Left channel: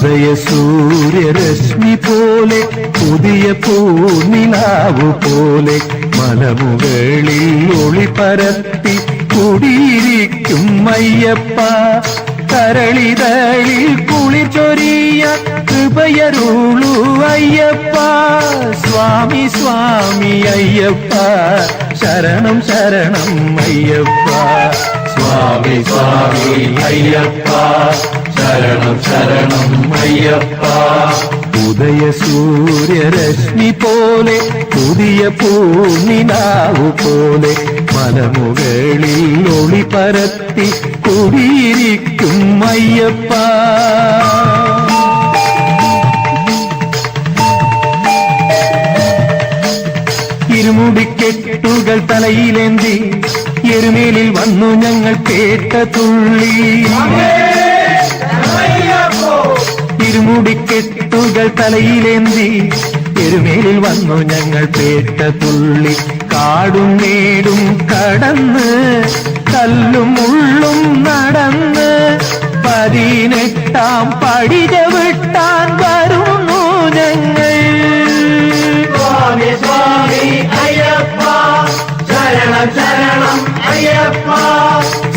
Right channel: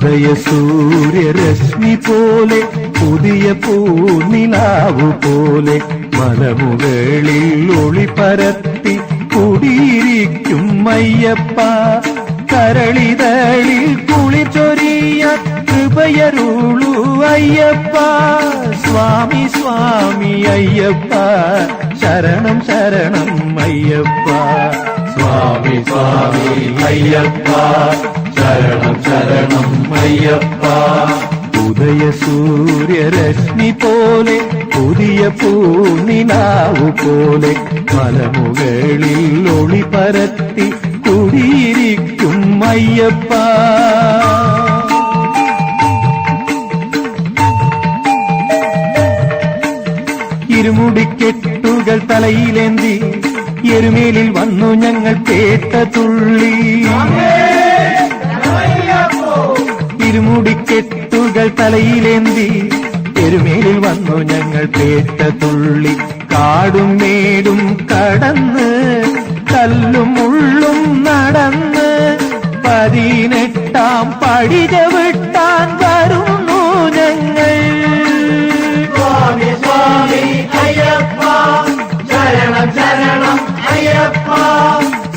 ഉദയ സൂര്യരശ്മി പോലെ പുതിയ പൂർണിലാവു പോലെ മലമുകളിൽ ഒളി പരത്തി കുടിയിരിക്കും അയ്യപ്പ കരളിതളിൽ ചൊരിയ കൃപയരുളു അയ്യപ്പ. സ്വാമി സ്വാമി അയ്യപ്പ ശരണം ശരണം അയ്യപ്പ. സ്വാമി സ്വാമി അയ്യപ്പ. ശരണം ശരണം അയ്യപ്പ. ഉദയ സൂര്യരശ്മി പോലെ പുതിയ പൂനിലാവു പോലെ മലമുകളിൽ ഒളി പരത്തി കുടിയിരിക്കും അയ്യപ്പ. ഇരുമുടിക്കെട്ടുകൾ തലയിലേന്തി എരുമേലിൽ വന്നു ഞങ്ങൾ കേട്ട തുള്ളി. ഇരുമുടിക്കെട്ടുകൾ തലയിലേന്തി എരുമേലിൽ വന്നു ഞങ്ങൾ കേട്ട തുള്ളി. കാടും മേടും കടന്ന്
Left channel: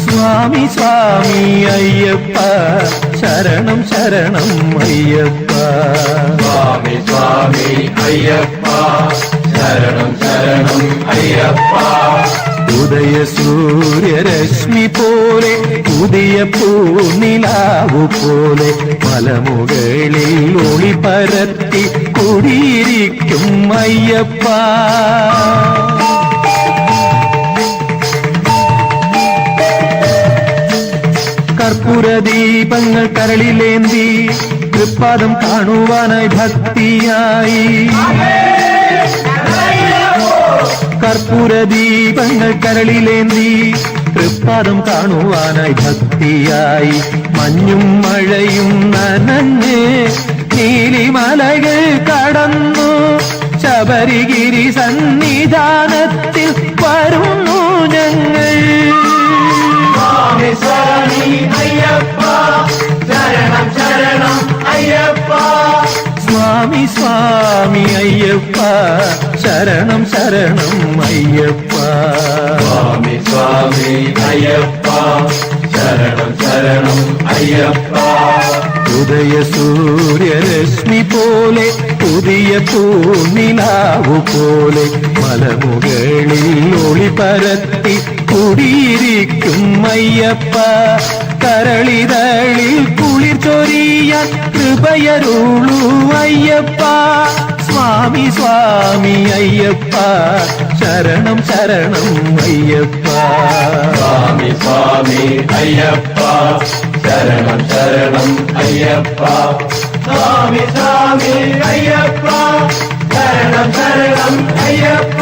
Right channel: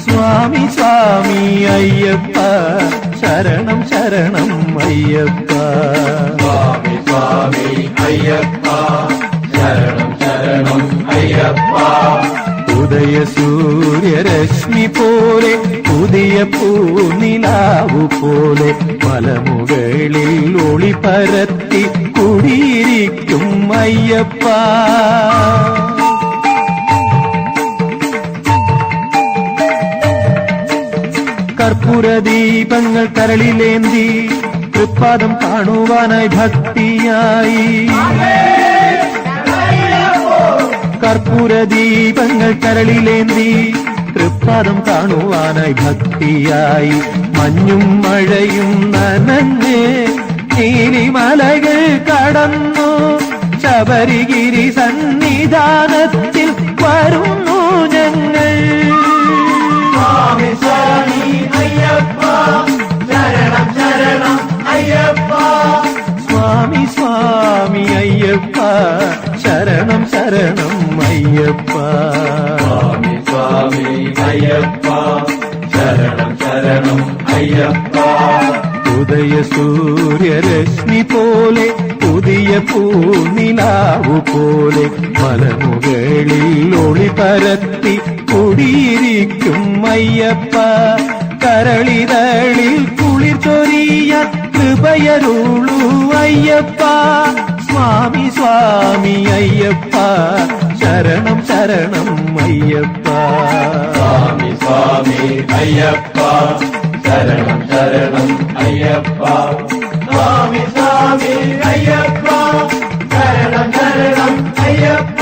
சுவாமி சுவாமி ஐயப்பா. சரணம் சரணம் ஐயப்பா. சுவாமி சுவாமி ஐயப்பா. சரணம் சரணம் ஐயப்பா. உதய சூரிய ரஷ்மி போலே புதிய பூநிலாவு போலே மலமுகளில் ஒளி பரத்தி குடியிருக்கும் ஐயப்பா. കർപ്പൂര ദീപങ്ങൾ കരളിലേന്തി തൃപ്പാദം കാണുവാനായി ഭക്തിയായി. കർപ്പൂര ദീപങ്ങൾ കരളിലേന്തി തൃപ്പാദം കാണുവാനായി ഭക്തിയായി. മഞ്ഞും മഴയും നനഞ്ഞ് നീലിമലകൾ കടന്നു ശബരിഗിരി സന്നിധാനത്തിൽ വരുന്നു ஐயப்பா சரணம் சரணம் ஐயப்பா. சுவாமி சுவாமி ஐயப்பா சரணம் சரணம் ஐயப்பா. உதய சூரிய லட்சுமி போலே புதிய பூமினாவு போலே மலமுகளில் ஒளி பரத்தி குடியிருக்கும் ஐயப்பா. கரளிதழில் குளிர் சொரிய கிருபயருளு ஐயப்பா. சுவாமி சுவாமி ஐயப்பா. சரணம் சரணம் ஐயப்பா. சுவாமி சுவாமி ஐயப்பா. சரணம் சரணம் ஐயப்பா. சுவாமி சுவாமி ஐயப்பா. சரணம் சரணம் ஐயப்பா.